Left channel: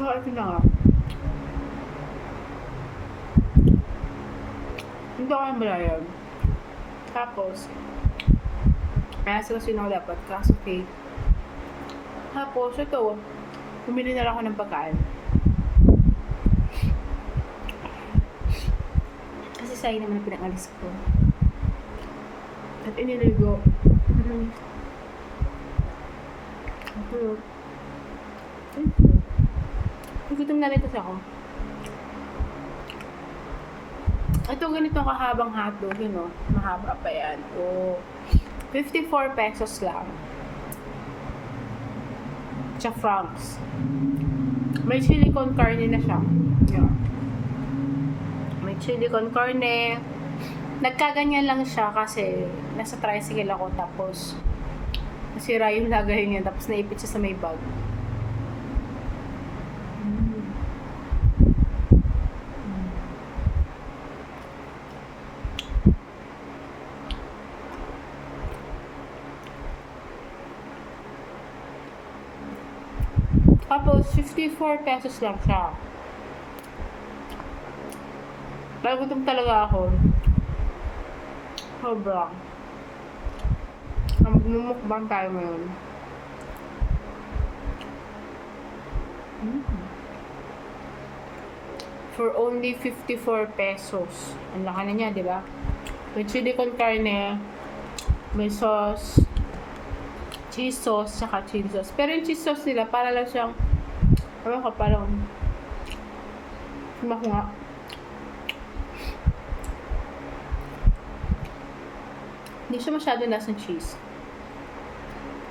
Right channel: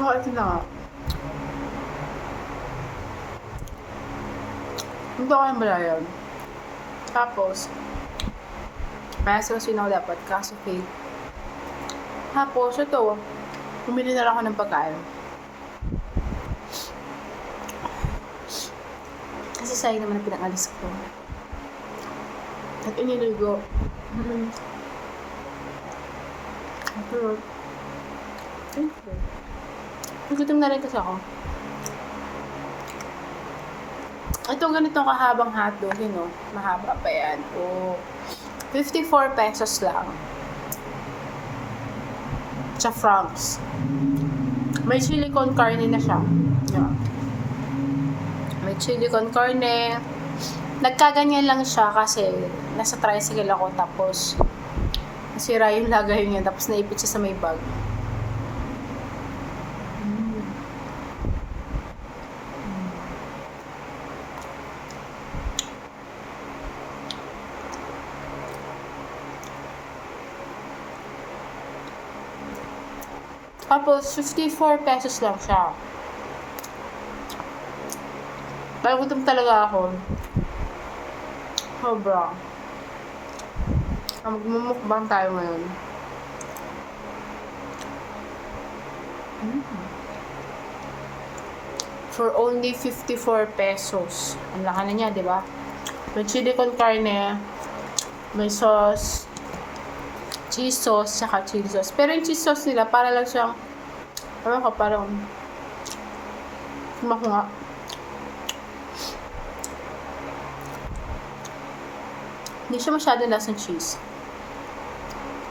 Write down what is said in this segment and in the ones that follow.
So, ito na nga. Hindi ako yung malayan. Tapos, kasi ako dapat, kaso fake. Tapos, ito, bumili na lang ako ng pagkain. Kasi sayang naman ang pinangalis ko. At iniligo. Pero, gutom na rin kasi ako. Ito ganitong kahabang hotdog, yun o. Mahaba pa yan. O, 54 pesos lang. Sa francs. May chili con carne na siya. Yeah. May chili con carne. Nagkaganyan lang siya kasi nasa tricycle ako tapos nasira yung lagay niya tapos naipit siya sa may bag. Tapos, 54 pesos lang siya. Dahil gutom talaga ako. Sobra. Magmumukbang tayo ngayon. For only 54 pesos. Ang laki na niya, di ba? May chili con carne, may sauce, cheese sauce, saka chili sauce. Pero yung cheese sauce nila, para lang siyang, ewan ko, parang, sumak nga. Hindi siya masyado lasang cheese.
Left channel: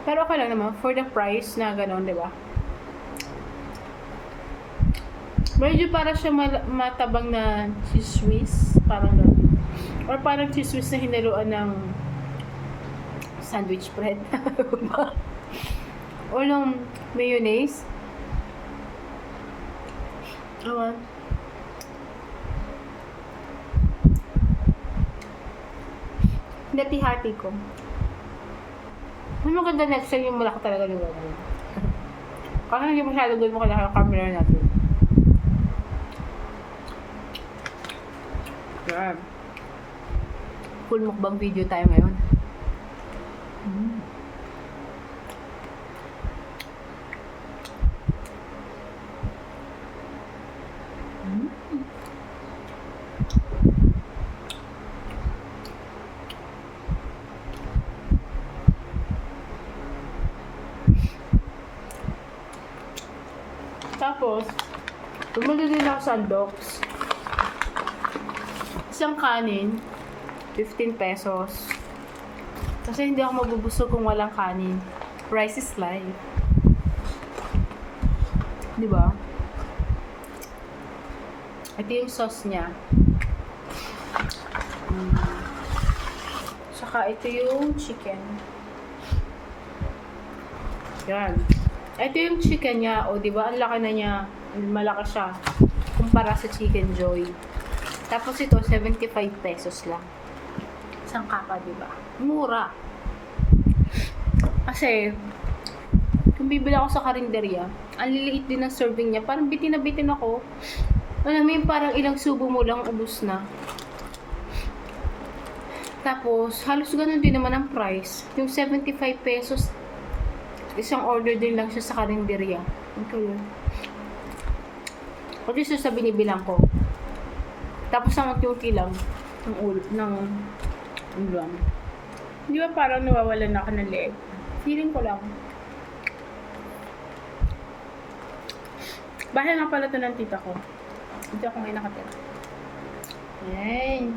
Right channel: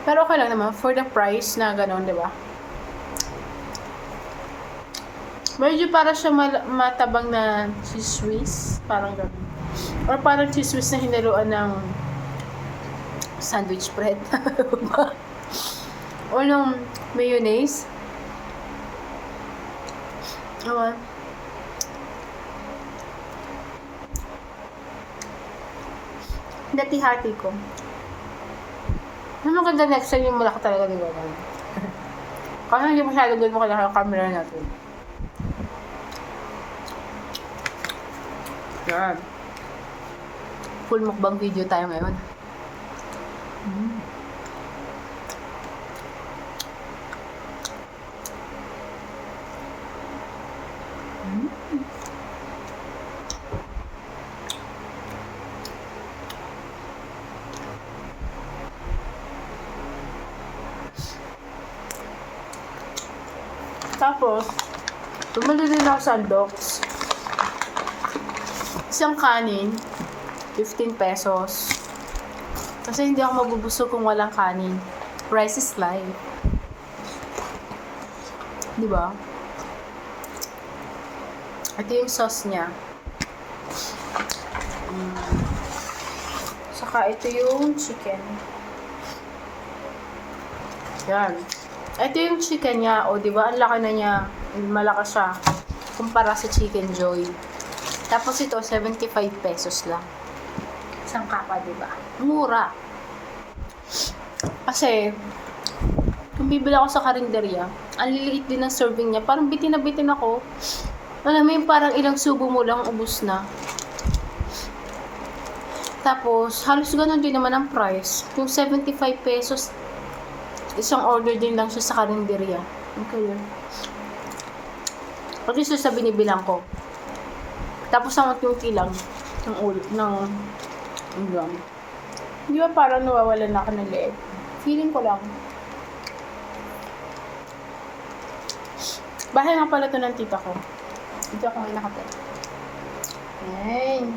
Pero okay lang naman, for the price na gano'n, di ba? Medyo para siya matabang na cheese whiz, parang gano'n. Or parang cheese whiz na hinaluan ng sandwich bread. O ng mayonnaise. Awan. Hati-hati ko. Ang maganda next time yung malaki talaga ni Wawan. Kasi hindi masyado good mo kailangan yung camera natin. Yan. Full mukbang video tayo ngayon. Tapos, bumili din ako sa Aldox. Isang kanin, 15 pesos. Kasi hindi ako mabubusog kung walang kanin. Price is life. Diba? Ito yung sauce niya. Saka ito yung chicken. Yan. Ito yung chicken niya. O, diba? Ang laki na niya. Malaki siya. Kumpara sa Chicken Joy. Tapos ito, 75 pesos lang. Isang kapa, diba? Mura. Kasi, kung bibili ako sa karinderya, ang liliit din ng serving niya. Parang bitin na bitin ako. Alam mo yung parang ilang subo mo lang, ubus na. Tapos, halos ganun din naman ang price. Yung 75 pesos, isang order din lang siya sa karinderya. Okay. Pati siya sa binibilang ko. Tapos ang unti-unti lang ng ulit ng ulam. Di ba parang nawawalan na ako ng leeg? Feeling ko lang. Bahay nga pala to ng tita ko. Dito ako ngayon nakatira. Ayan.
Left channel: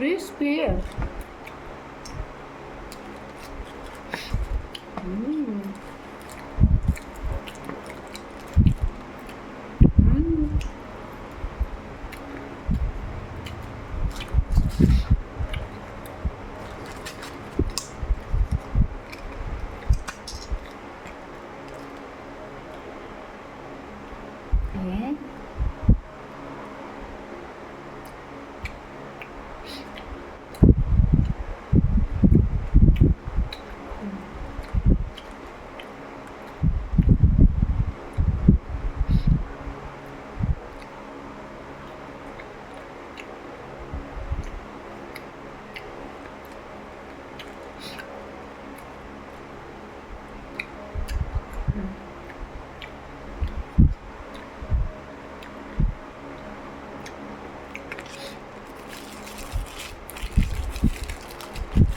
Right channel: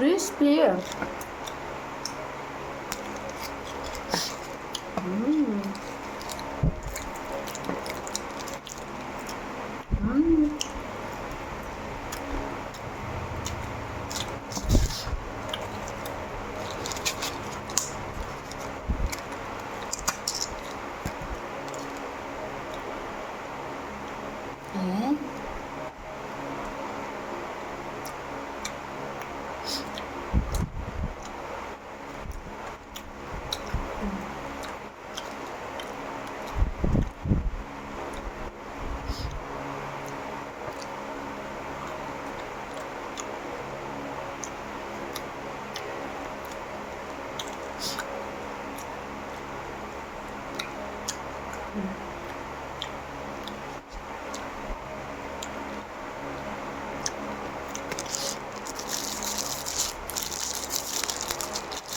Crispy. Ayan.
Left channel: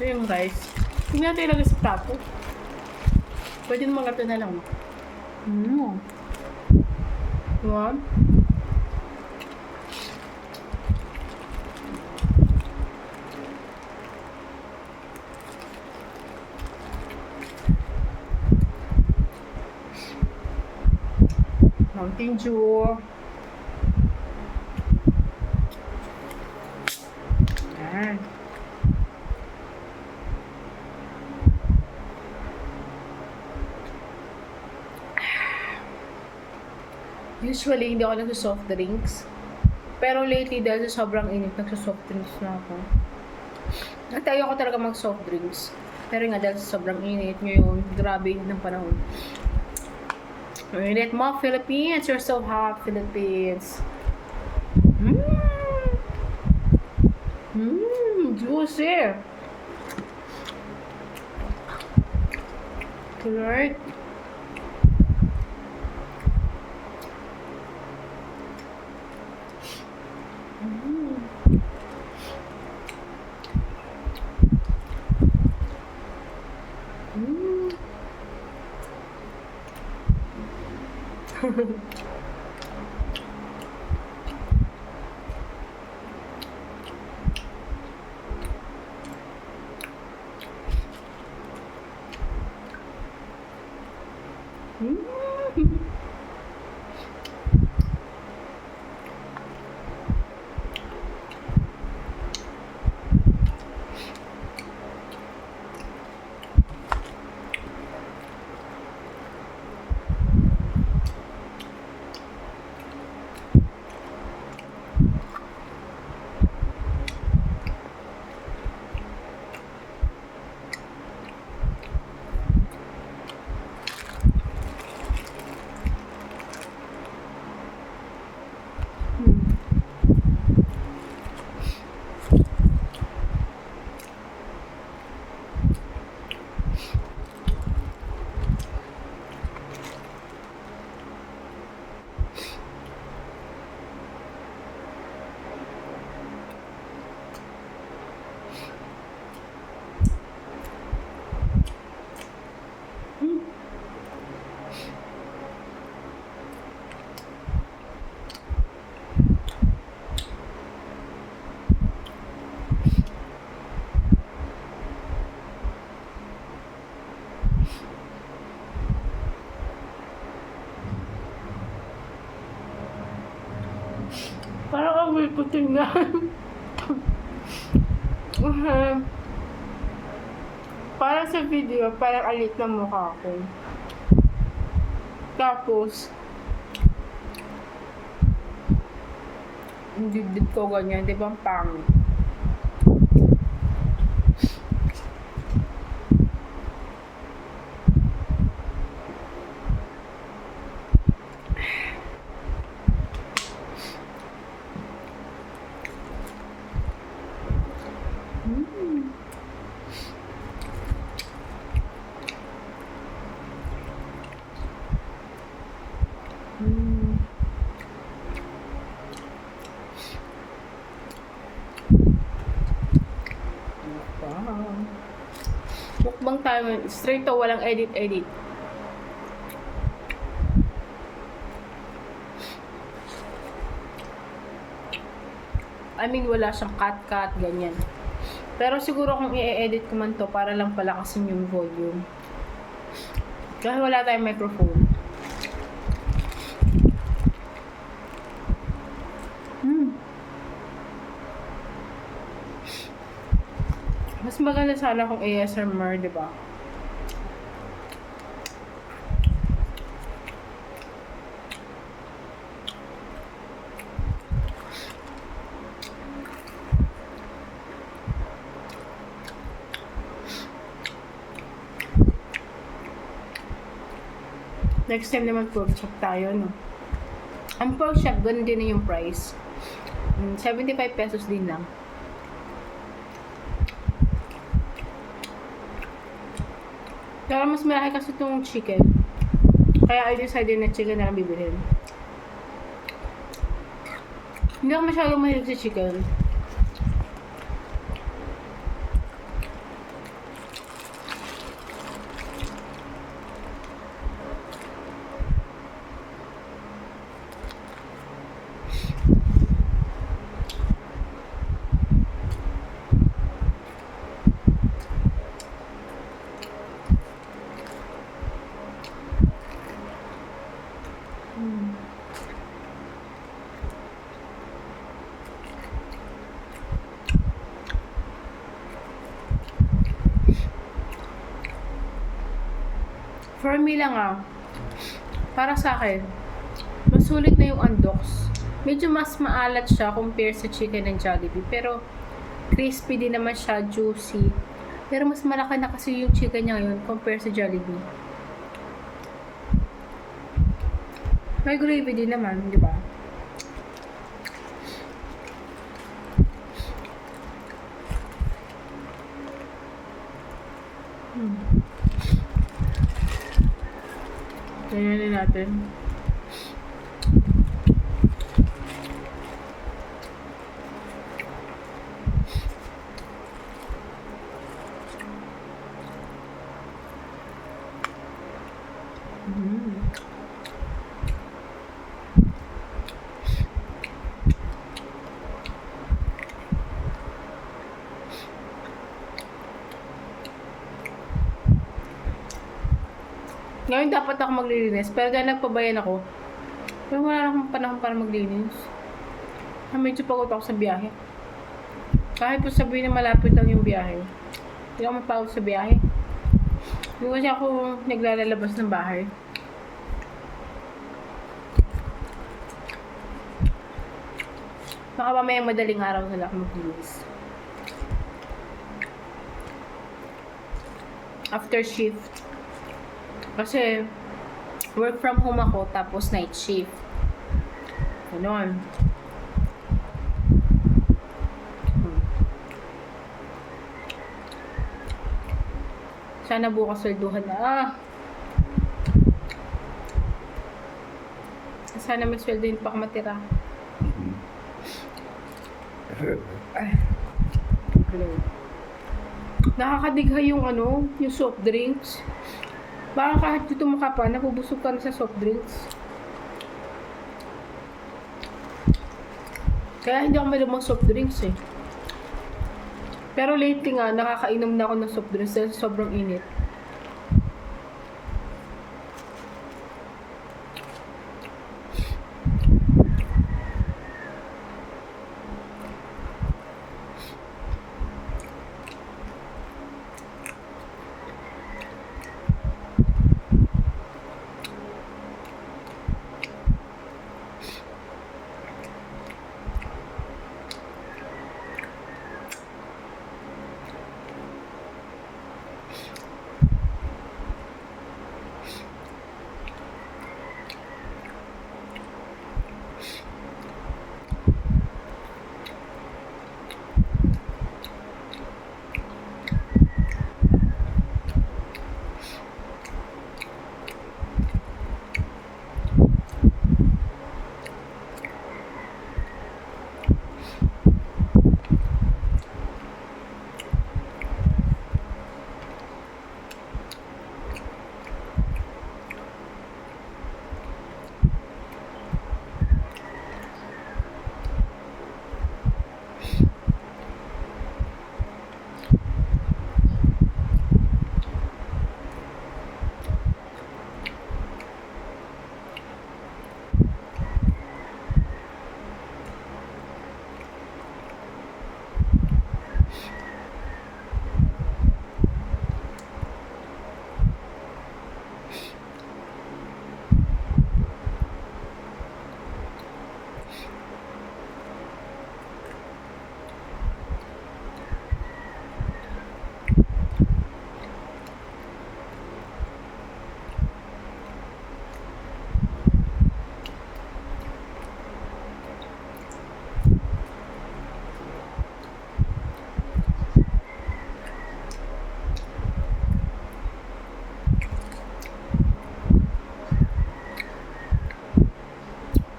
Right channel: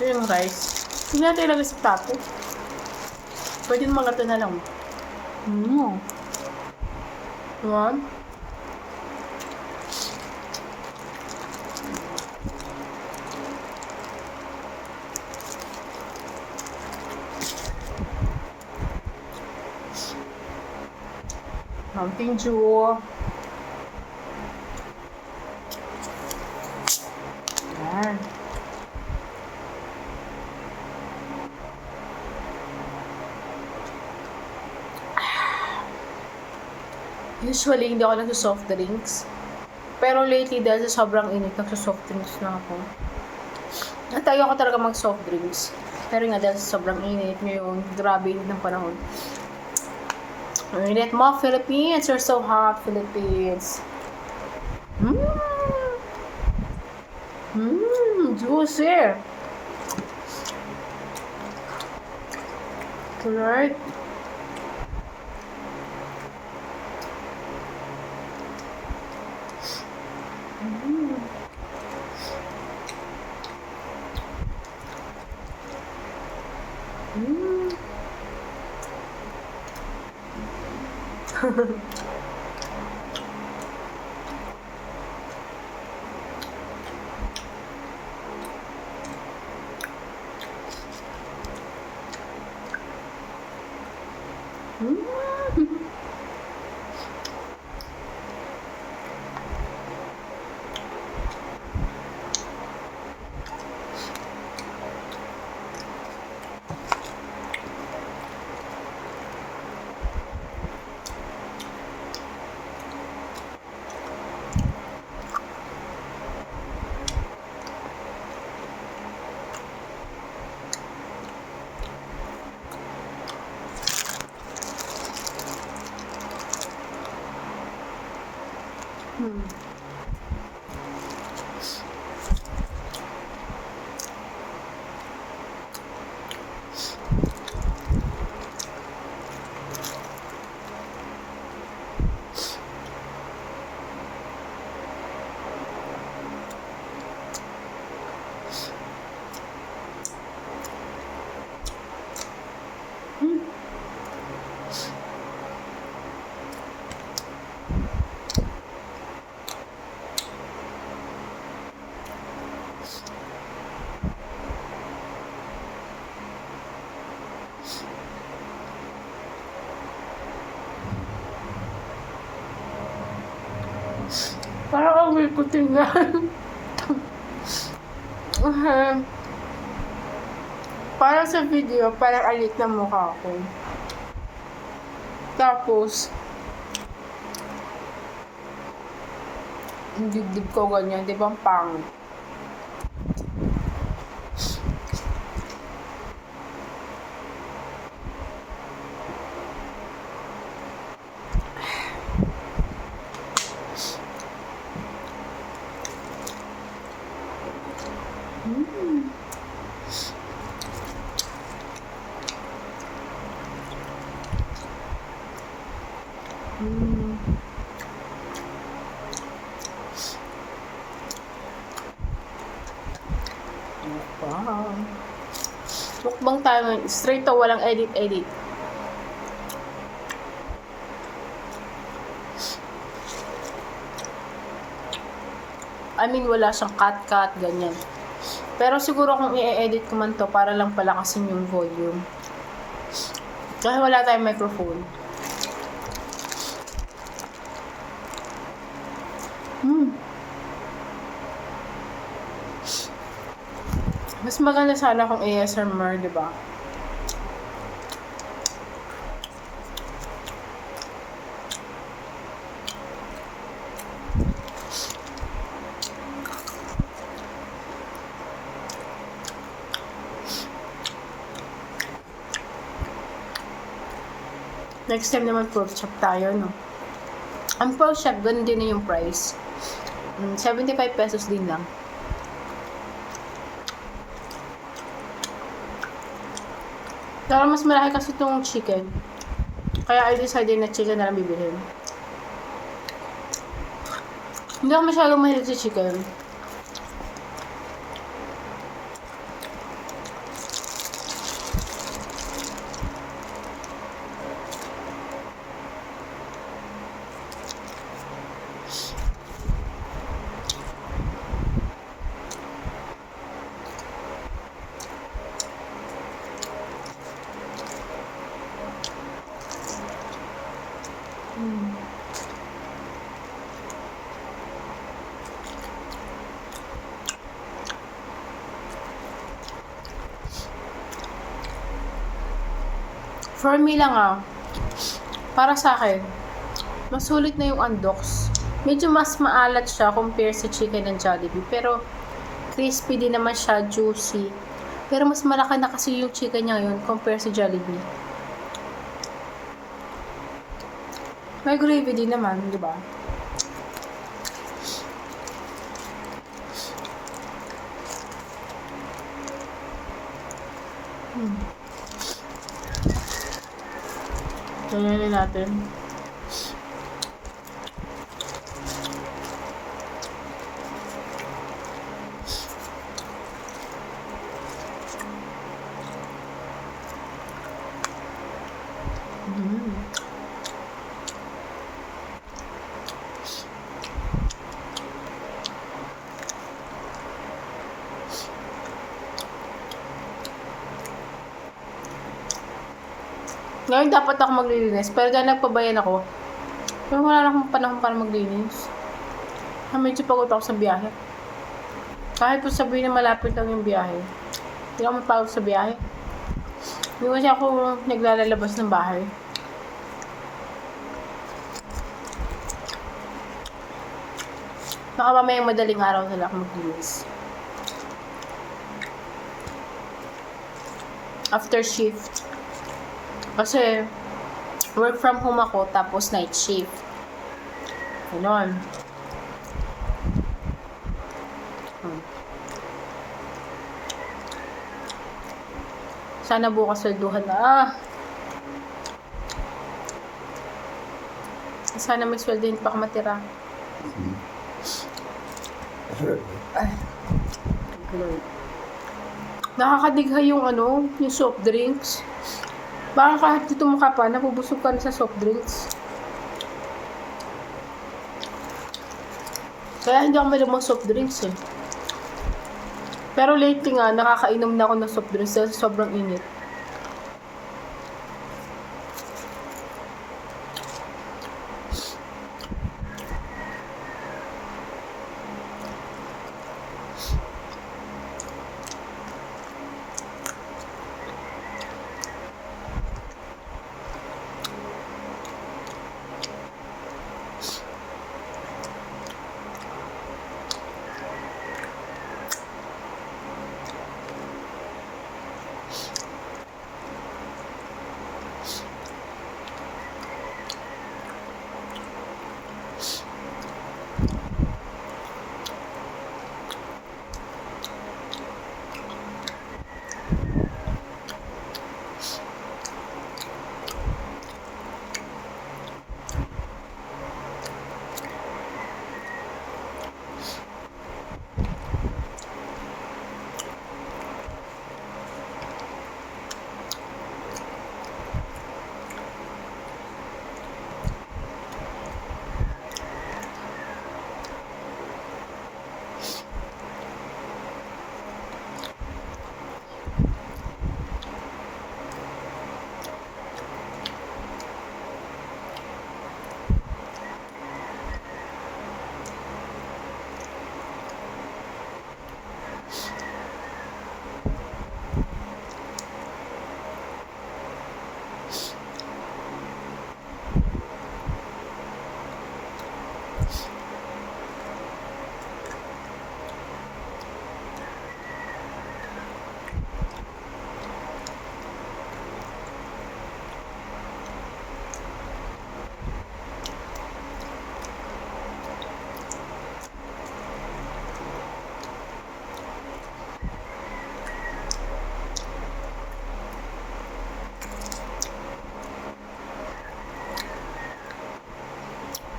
Ito yung rice. Hindi natin ilagay sa plato. Pwede naman ito na lang. One. Mountain Dew. Yan. Usually, hindi ako nagsa-soft drinks. Pero lately, dahil sa sobrang init, nagsa-soft drinks na ako. At ayoko talaga mag-soft drinks. Pero nga, dahil sa sobrang init, ngayon, grabe init ng panahon. Init mo, Philippines! You're so hot, Philippines! Juicy! Right? Parang ang weird ko tingnan. Parang sa video, parang alit na mukha ko. Tapos, yung dibdib ko ganyan, di ba ang pangit? Wow. Mukbang tayo, straight to, walang edit. I mean, wala siyang cut, ganyan. Pero siguro kung i-edit ko man to, para lang palakasin yung volume. Kasi wala tayong microphone. Mas maganda sana kung ASMR, di ba? Next time naman pork chop tayo, no? Ang pork chop, ganun din na yung price. 75 pesos din lang. Kaya mas malaki kasi itong chicken. Kaya I decided na chicken na lang bibilhin. Hindi ako masyadong mahilig sa chicken. For me lang para sa akin, mas sulit na yung Andox. Medyo mas maalat siya compare sa chicken ng Jollibee. Pero, crispy din naman siya, juicy. Pero mas malaki na kasi yung chicken niya ngayon compare sa Jollibee. May gravy din naman, di ba? Ganyan na natin. Ngayon dapat ako maglilinis, pero dahil nagpabayan ako, pero wala na akong panahon para maglinis. Medyo pagod ako sa biyahe. Kahit po sabihin na malapit lang yung biyahe, hindi ako mapagod sa biyahe. Hindi kasi ako naglalabas ng bahay. Baka mamayang madaling araw na lang ako maglinis. After shift. Kasi, work from home ako, tapos night shift. Ganon. Sana bukas swelduhan na. Sana may sweldo din pa ako matira. Nakakadigha yung yung soft drinks. Baka kahit dito mo ka pa, napubusog ka na sa soft drinks. Kaya hindi ako malamang soft drinks eh. Pero lately nga, nakakainom na ako ng soft drinks dahil sobrang init.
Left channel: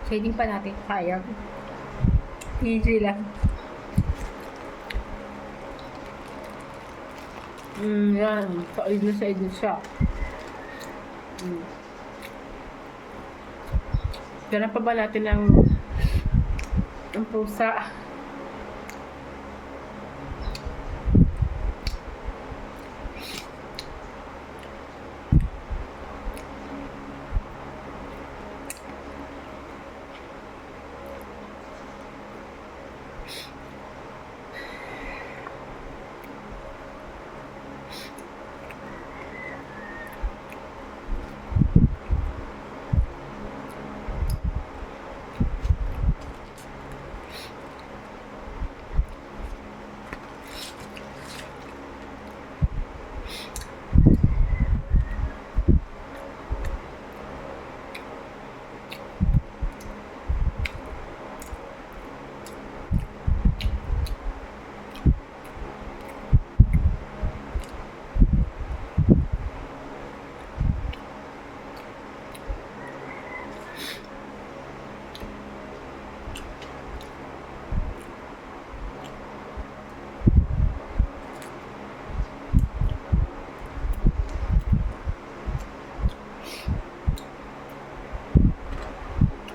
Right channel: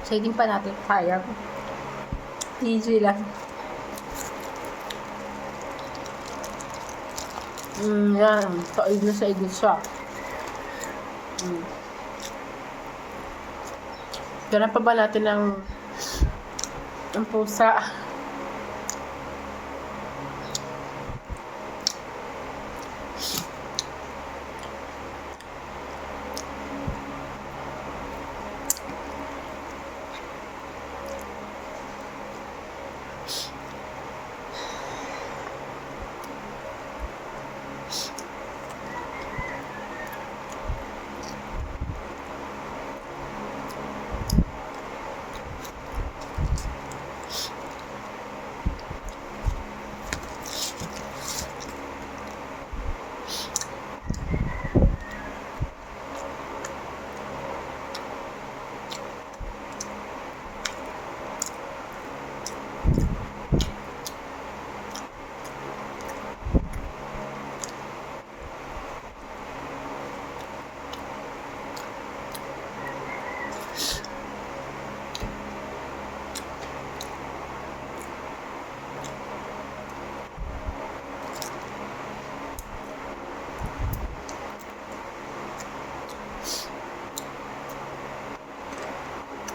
Shading pa natin. Sayang. Easy lang. Yan. Said na siya. Ganun pa ba natin ang pusa?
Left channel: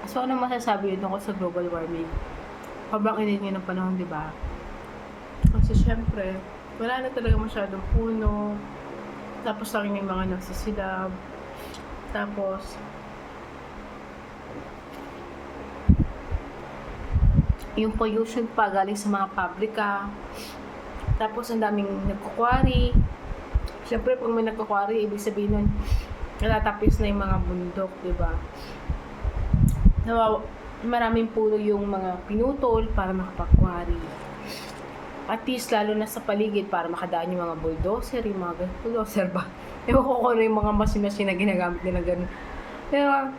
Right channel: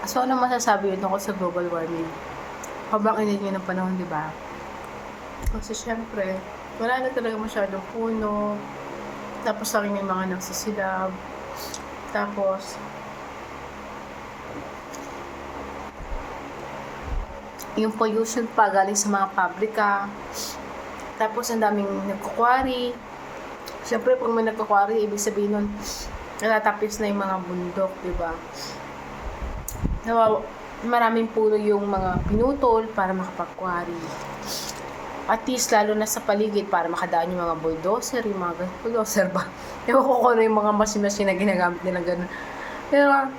So, ano masasabi yun tungkol sa global warming? Sobrang init ngayon ng panahon, di ba? Kasi syempre, wala na talaga masyadong puno. Tapos lagi may mga nagsisilab. Tapos, yung pollution pa galing sa mga pabrika. Tapos, ang daming nagkukwari. Syempre, pag may nagkukwari, ibig sabihin nun, natatapis na yung mga bundok, di ba? Maraming puno yung mga pinutol para makapagkwari. At least, lalo na sa paligid, para makadaan yung mga bulldozer, yung mga bulldozer ba? Ewan ko kung ano yung mga machine na ginagamit nila ganun. Pero,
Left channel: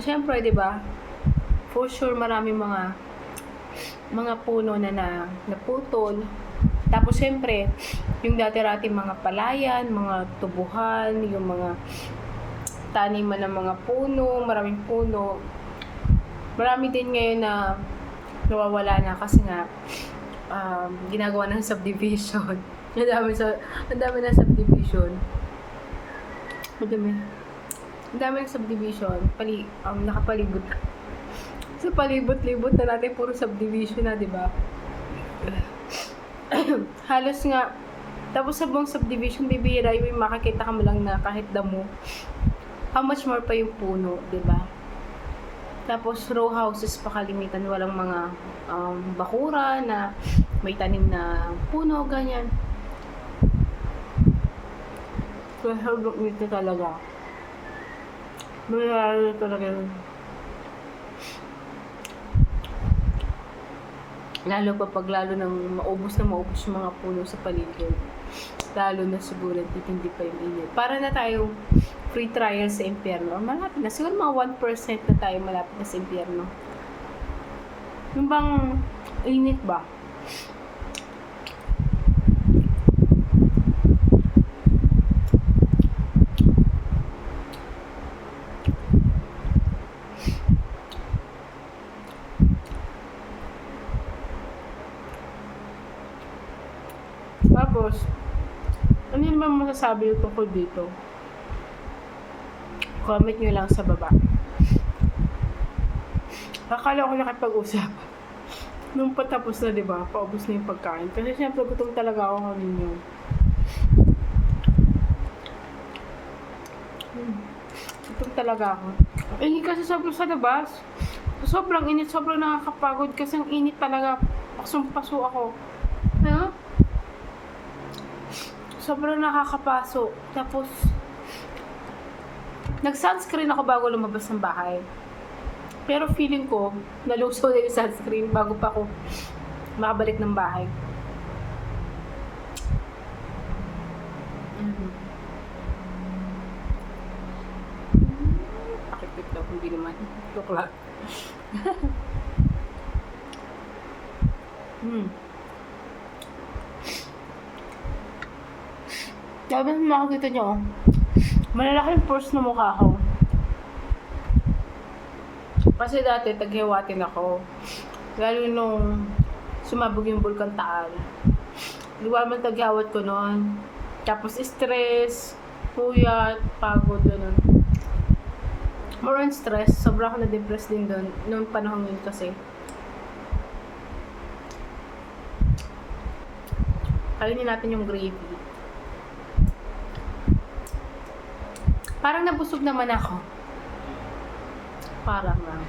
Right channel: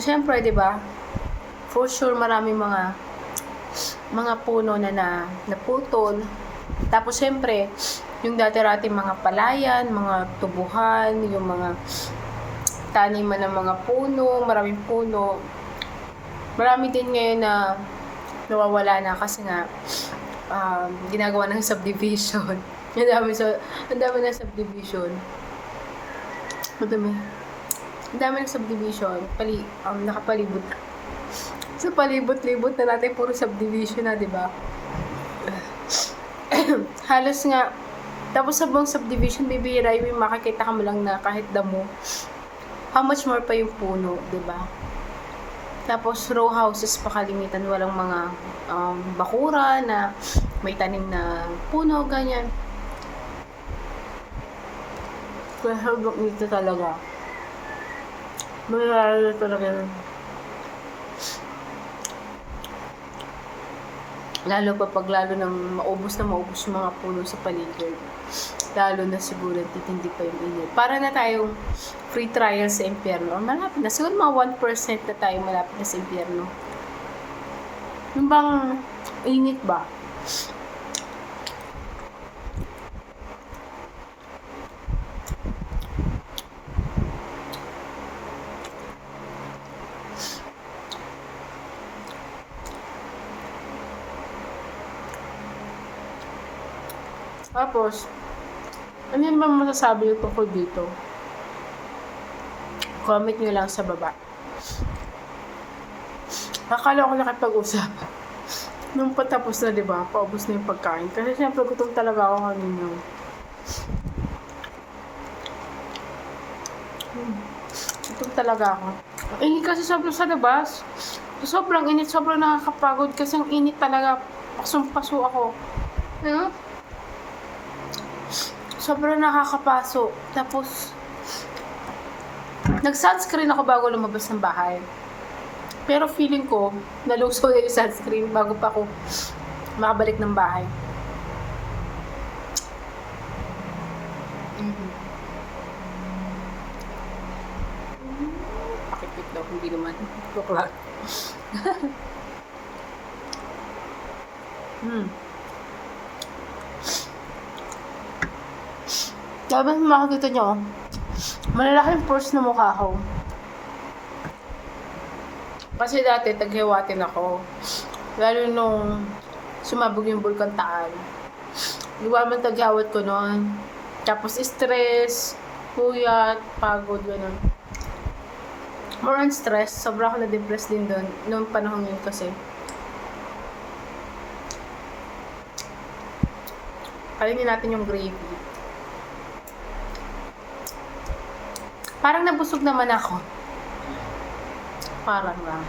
syempre, di ba? For sure, maraming mga puno na naputol. Tapos, syempre, yung dati-rating mga palayan, mga tubuhan, yung mga taniman ng mga puno, maraming puno. Marami din ngayon na nawawala na kasi nga ginagawa ng subdivision. Ang dami ng subdivision. Ang dami ng subdivision. Nakapalibot. Sa palibot-libot na natin puro subdivision na, di ba? Halos nga, tapos sa buong subdivision, bibihira yung makakita ka mo lang na kahit damo. How much more pa yung puno, di ba? Tapos row houses pa kalimitan, walang mga bakura na may tanim na puno, ganyan. Kaya hanggang nito talaga. Mayroon talaga yun. Lalo pa pag lalo nang maubos yung mga puno sa paligid. Lalo na siguro titindi pa yung init. Para na tayong free trial sa impyerno. Malapit na. Siguro mga 1% na tayo malapit na sa impyerno. Yung bang init ba? Tapos, ano yun ba masasabi yung tungkol dito? Comment nyo lang sa baba. Akala ko nakipag-usap. Nung patapos na, diba? Paubos na yung pagkain. Kasi syempre, gutom talaga ako kanina. Gutom talaga ako. Init kasi sobrang sa labas. Sobrang init, sobrang nakakapagod. Kasi ang init talaga. Pasong-paso ako. Ano? Sobrang nakakapaso. Tapos, nag-sunscreen ako bago lumabas ng bahay. Pero feeling ko, naluso na yung sunscreen bago pa ako makabalik ng bahay. Pakipit daw, hindi naman. Tuklat. Sabi mo makikita nyo, malalaking pores na mukha ko. Kasi dati, taghiwatin ako. Lalo nung sumabog yung Bulkan Taal. Di ba man taghawat ko noon. Tapos stress, puyat, pagod, gano'n. More on stress. Sobra ako na-depress din doon. Noong panahon yun kasi. Kalinin natin yung gravy. Parang nabusog naman ako. Parang lang.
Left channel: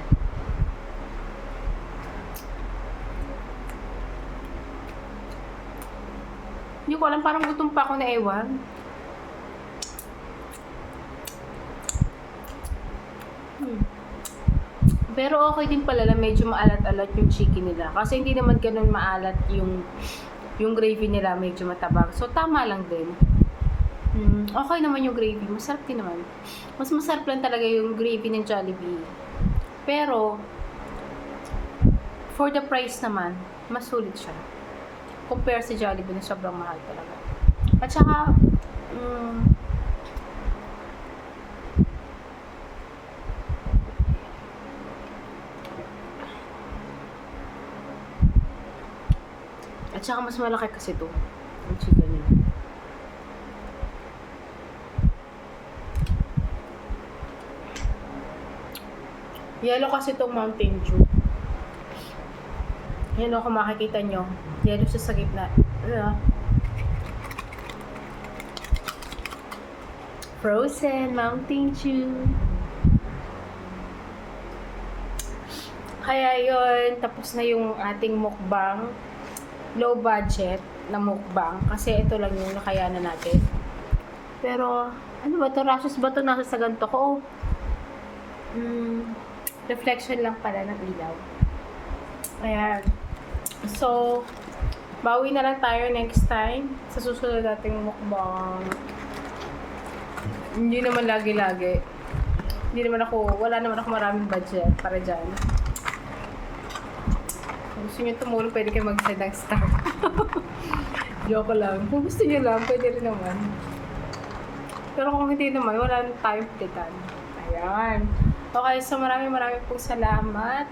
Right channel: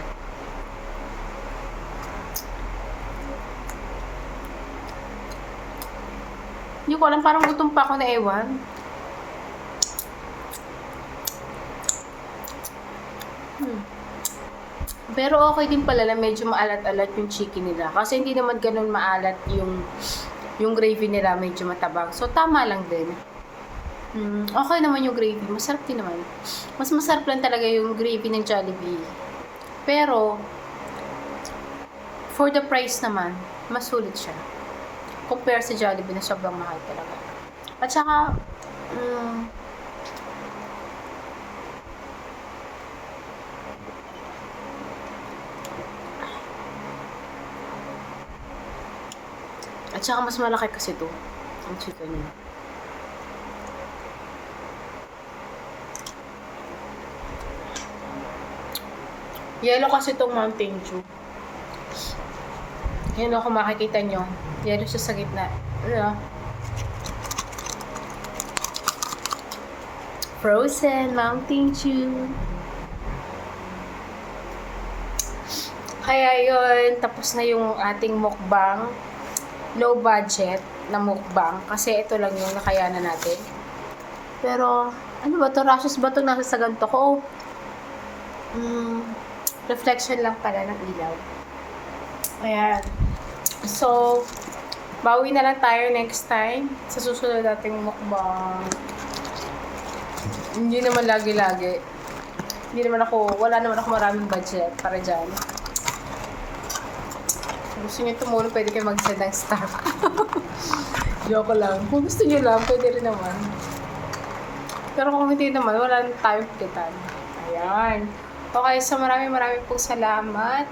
Hindi ko alam, parang gutom pa ako na ewan. Pero okay din pala na medyo maalat-alat yung chicken nila. Kasi hindi naman ganun maalat yung gravy nila, medyo matabang. So, tama lang din. Okay naman yung gravy. Masarap din naman. Mas masarap lang talaga yung gravy ng Jollibee. Pero, for the price naman, mas sulit siya. Compare sa Jollibee na sobrang mahal talaga. At saka, mas malaki kasi to. Ang chicken niya. Yellow kasi itong Mountain Dew. Yan o, kung makikita nyo. Yellow siya sa gitna. Ano? Frozen Mountain Dew. Kaya yun, tapos na yung ating mukbang. Low budget na mukbang. Kasi ito lang yung nakayanan natin. Pero, ano ba to? Rashes ba to nasa sa ganito ko? Reflection lang pala ng ilaw. Ayan. So, bawi na lang tayo next time sa susunod nating mukbang. Hindi naman lagi-lagi. Wala naman ako maraming budget para dyan. Kung gusto nyo tumulong, pwede kayo mag-send ng star. Joke lang. Kung gusto nyo lang, pwede rin naman. Pero kung hindi naman, wala na tayong pilitan. Ayan. Okay, so maraming pong salamat.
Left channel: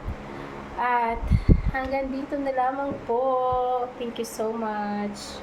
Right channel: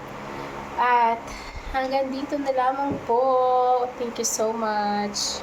At hanggang dito na lamang po. Thank you so much.